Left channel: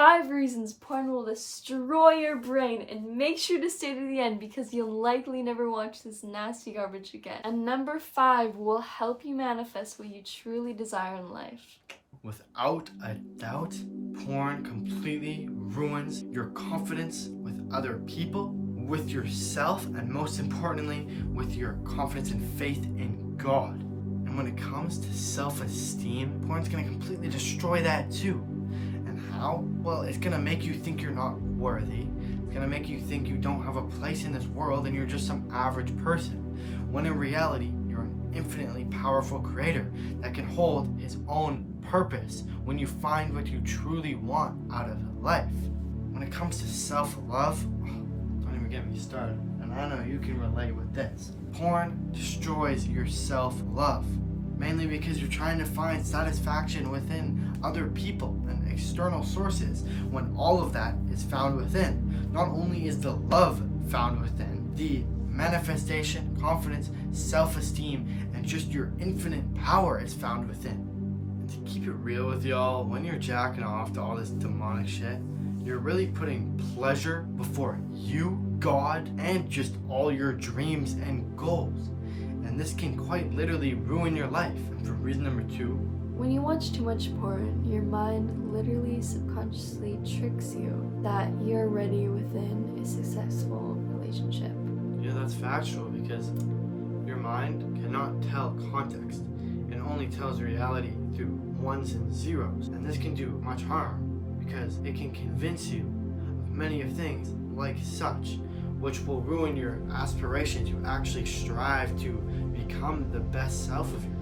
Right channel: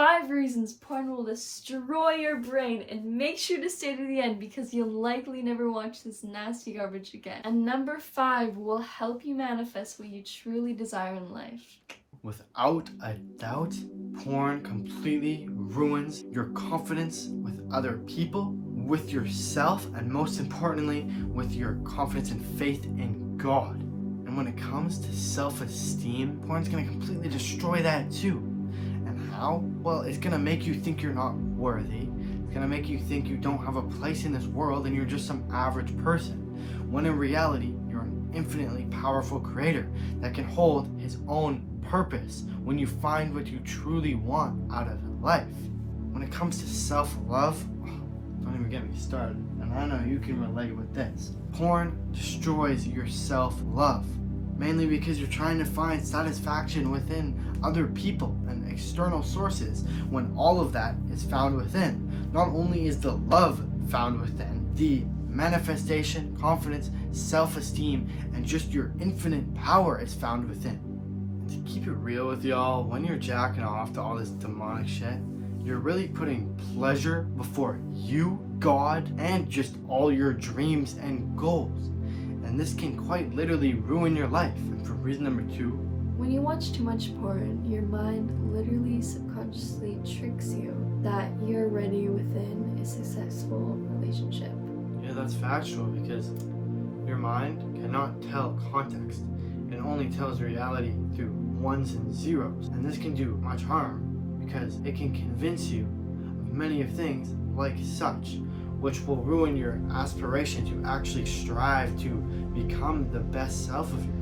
5 reasons porn will destroy your brain, and make sure to stay to the end because you'll likely never watch this nasty garbage again. And number 5 will help you manifest what you truly desire in life. Without a doubt, porn completely ruins your confidence with other people, with yourself, and most importantly, with your confidence and faith in God. And when it comes to self-esteem, porn's gonna completely destroy that too. And how? Well, it's gonna make you think you're not worthy. It's gonna make you think you don't have a place in this world and you're just some average person. When in reality, you're an infinitely powerful creator that can hold his own purpose when you find what you truly want out of life. When it comes to self-love, don't even get me started. And I know you can relate with this. Porn destroys your self-love, mainly because you're trying to find satisfaction within other people and external sources when all of that is found within. Not only is the love found within, the manifestation, confidence, self-esteem, and just your infinite power is found within. And to keep it real with y'all, when you're jacking off to all this demonic shit, you're really putting pleasure before you, God, and just all your dreams and goals. And this can quite literally ruin your life. And for reason number 2, when you watch too much porn, your mind literally subconsciously tricks you that you're already within a successful relationship. Yeah, that's factual because your mind cannot tell context. It only tells reality through ones and zeros. And this can do much harm because it can convince you of many of things like such, which will ruin your aspiration to actually strive to become the best self of yours.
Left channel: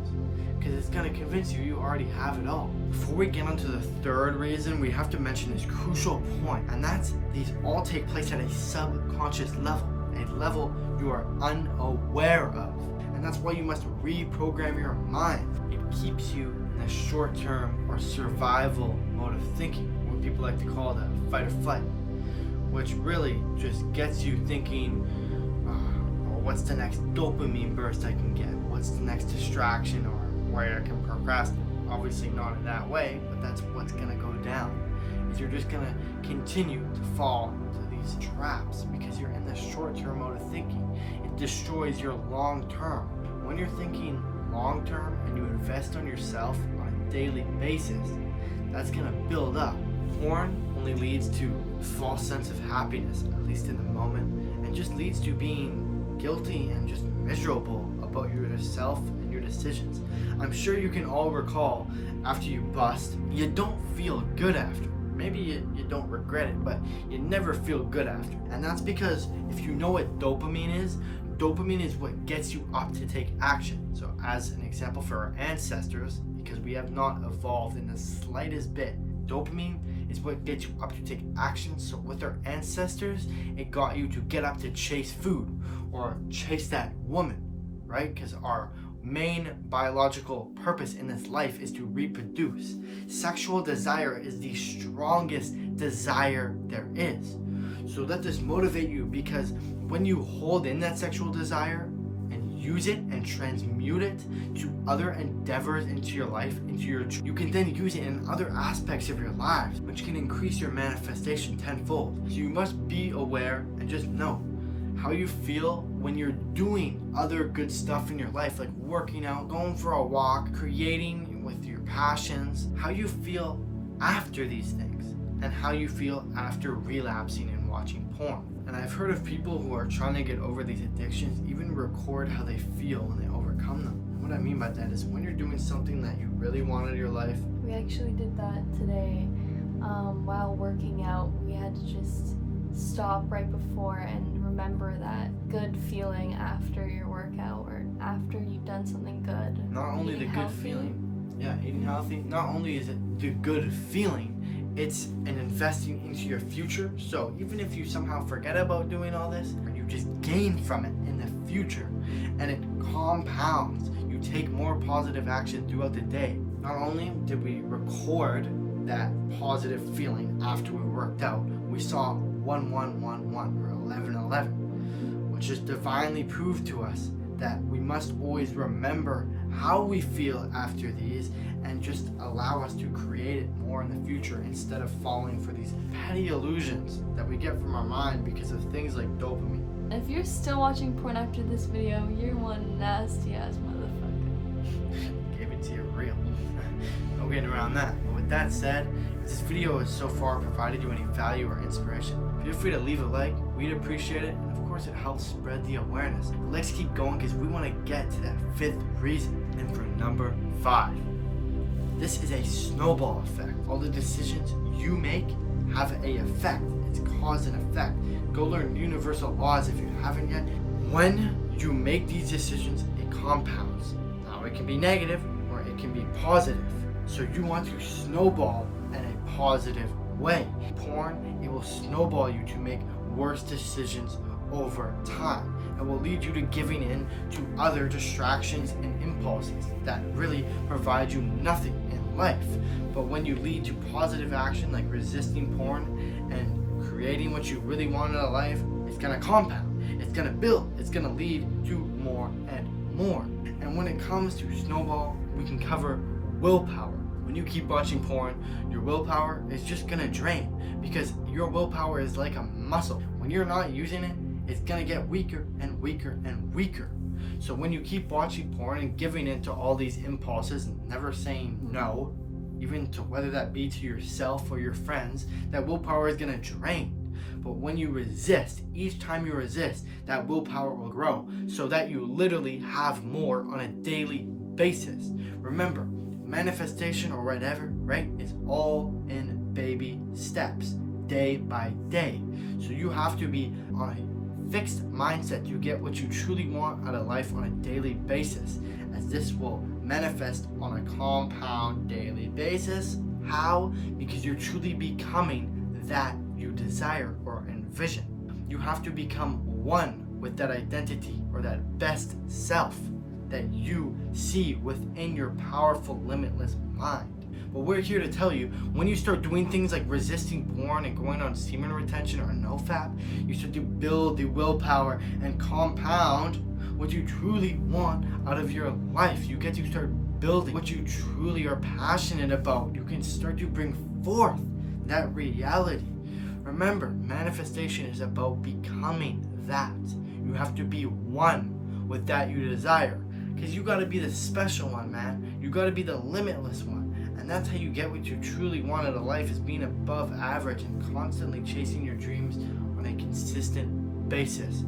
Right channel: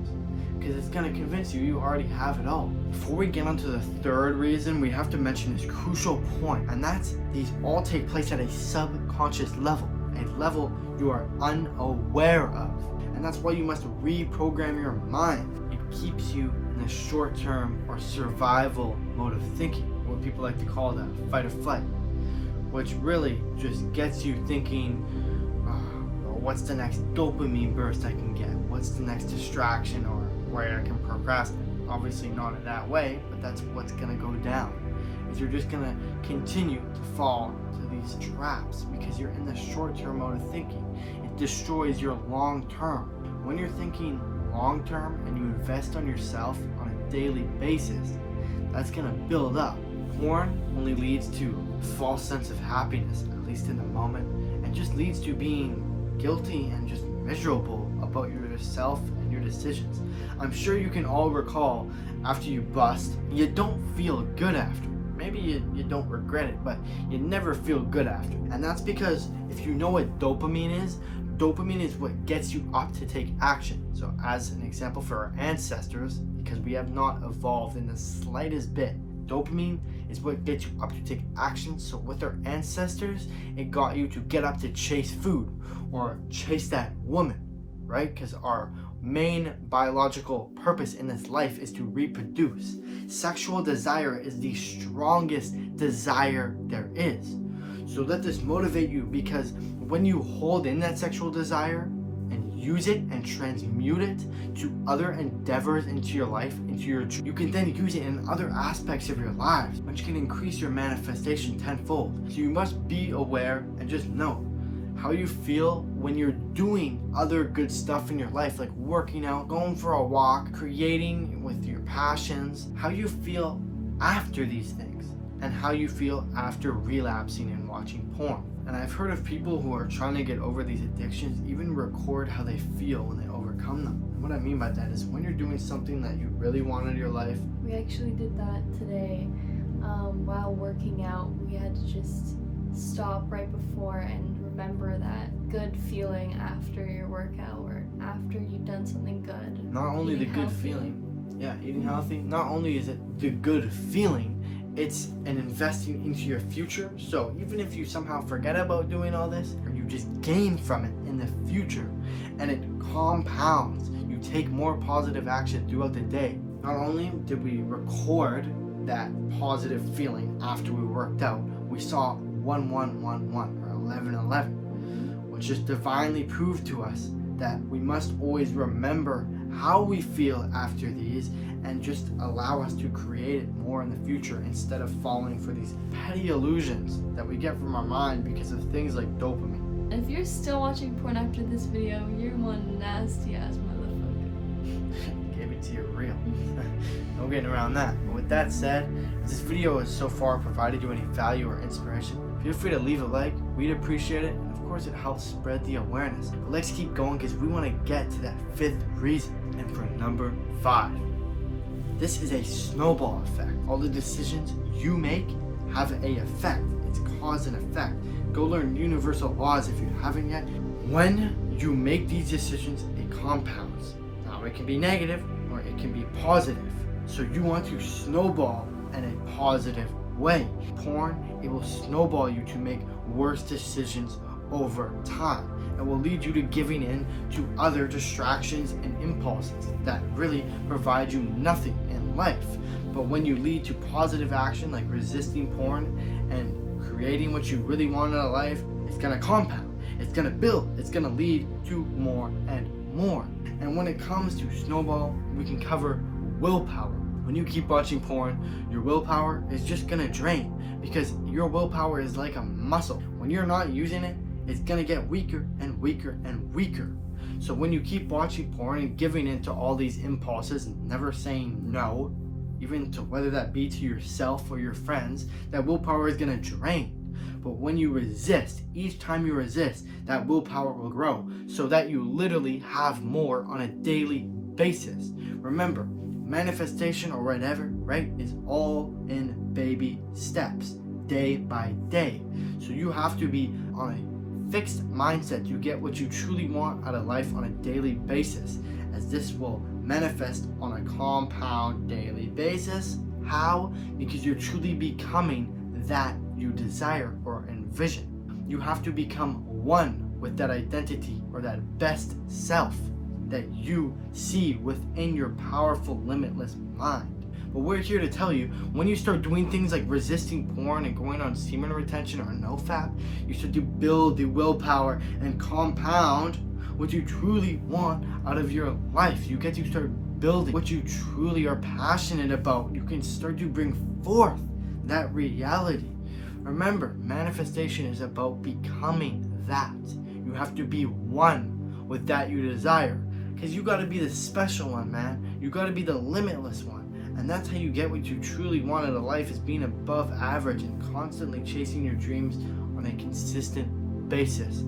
Because it's going to convince you you already have it all. Before we get on to the 3rd reason, we have to mention this crucial point, and that's these all take place at a subconscious level, a level you are unaware of. And that's why you must reprogram your mind. It keeps you in the short-term or survival mode of thinking, what people like to call that fight or flight, which really just gets you thinking, what's the next dopamine burst I can get? What's the next distraction or where I can procrastinate? Obviously not in that way, but that's what's gonna go down. Is you're just gonna continue to fall into these traps because you're in the short-term mode of thinking. It destroys your long-term. When you're thinking long-term and you invest on yourself on a daily basis, that's gonna build up. Porn only leads to a false sense of happiness, at least in the moment, and just leads to being guilty and just miserable about yourself and your decisions. I'm sure you can all recall after you bust, you don't feel good after. Maybe you don't regret it, but you never feel good after. And that's because if you know what dopamine is what gets you up to take action. So as an example for our ancestors, because we have not evolved in the slightest bit, dopamine is what gets you up to take action. So with our ancestors, it got you to get up to chase food or chase that woman, right? Because our main biological purpose in this life is to reproduce. Sexual desire is the strongest desire there is. So let this motivate you, because when you hold in that sexual desire and use it and transmute it to other endeavors into your life, you can then use it in other aspects of your lives, which can increase your manifestation tenfold. So you must be aware and just know how you feel when you're doing other good stuff in your life, like working out, going for a walk, creating with your passions, how you feel after these things, and how you feel after relapsing and watching porn. And I've heard of people who are trying to get over these addictions even record how they feel when they overcome them. And what I mean by that is when you're doing something that you really want in your life. We actually did that today. While working out, we had to just stop right before and remember that good feeling after your workout or after you've done something good. Not only the good feeling, eating healthy, not only is it the good feeling, it's an investing into your future. So even if you somehow forget about doing all this, or you just gain from it in the future, and it compounds, you take more positive action throughout the day. Not only did we record that positive feeling after we worked out, we saw 1111 or 1111, which just divinely proved to us that we must always remember how we feel after these and just allow us to create it more in the future instead of falling for these petty illusions that we get from our mind because of things like dopamine. If you're still watching porn after this video, you're one nasty ass motherfucker. Gave it to you real. No getting around that. But with that said, if this video has so far provided you any value or inspiration, feel free to leave a like. We'd appreciate it. And of course, it helps spread the awareness. But let's keep going because we want to get to that 5th reason. And for number 5, this is a snowball effect. All the decisions you make have a effect. It's cause and effect. Go learn universal laws if you haven't yet. When you make these decisions, it compounds. Now it can be negative or it can be positive. So you want to snowball in a positive way. Porn, it will snowball you to make worse decisions over time. It will lead you to giving in to other distractions and impulses that really provide you nothing in life. But when you lead to positive action like resisting porn and creating what you really want in life, it's gonna compound, it's gonna build, it's gonna lead to more and more. And when it comes to snowball, we can cover willpower. When you keep watching porn, your willpower is just gonna drain because your willpower is like a muscle. When you're not using it, it's gonna get weaker and weaker and weaker. So when you keep watching porn and giving in to all these impulses and never saying no, even to whether that be to yourself or your friends, that willpower is gonna drain. But when you resist, each time you resist, that willpower will grow so that you literally have more on a daily basis. Remember, manifestation or whatever, right, is all in baby steps, day by day. So you have to be on a fixed mindset. You get what you truly want out of life on a daily basis, as this will manifest on a compound daily basis. How? Because you're truly becoming that you desire or envision. You have to become one with that identity or that best self that you see within your powerful, limitless mind. But we're here to tell you, when you start doing things like resisting porn and going on semen retention or NoFap, you start to build the willpower and compound what you truly want out of your life. You get to start building what you truly are passionate about. You can start to bring forth that reality. Remember, manifestation is about becoming that. You have to be one with that you desire. Because you got to be the special one, man. You got to be the limitless one. And that's how you get what you truly want out of life, is being above average and constantly chasing your dreams on a consistent basis.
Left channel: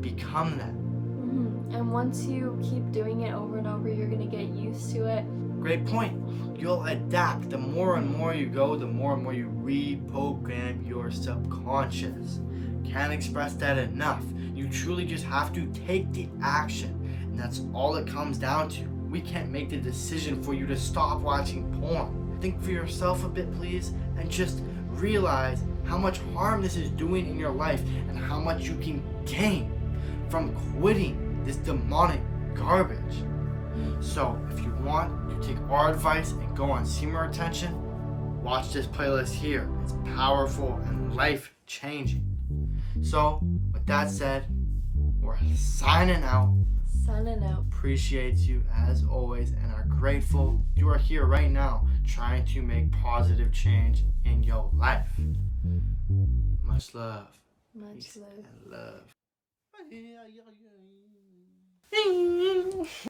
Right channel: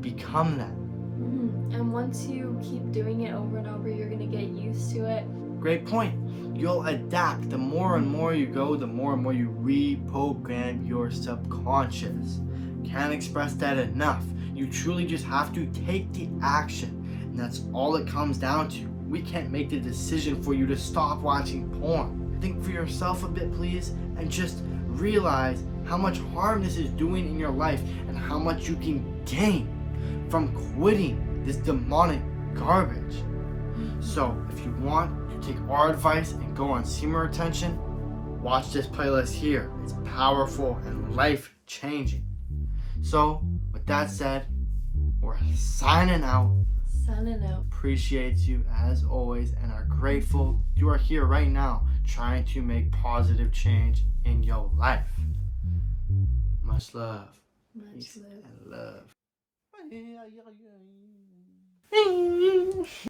Become that. And once you keep doing it over and over, you're going to get used to it. Great point. You'll adapt. The more and more you go, the more and more you reprogram your subconscious. Can't express that enough. You truly just have to take the action. And that's all it comes down to. We can't make the decision for you to stop watching porn. Think for yourself a bit, please, and just realize how much harm this is doing in your life and how much you can gain from quitting this demonic garbage. So if you want to take our advice and go on semen retention, watch this playlist here. It's powerful and life-changing. So with that said, we're signing out. Appreciate you as always and are grateful you are here right now trying to make positive change in your life. Much love. Peace and love.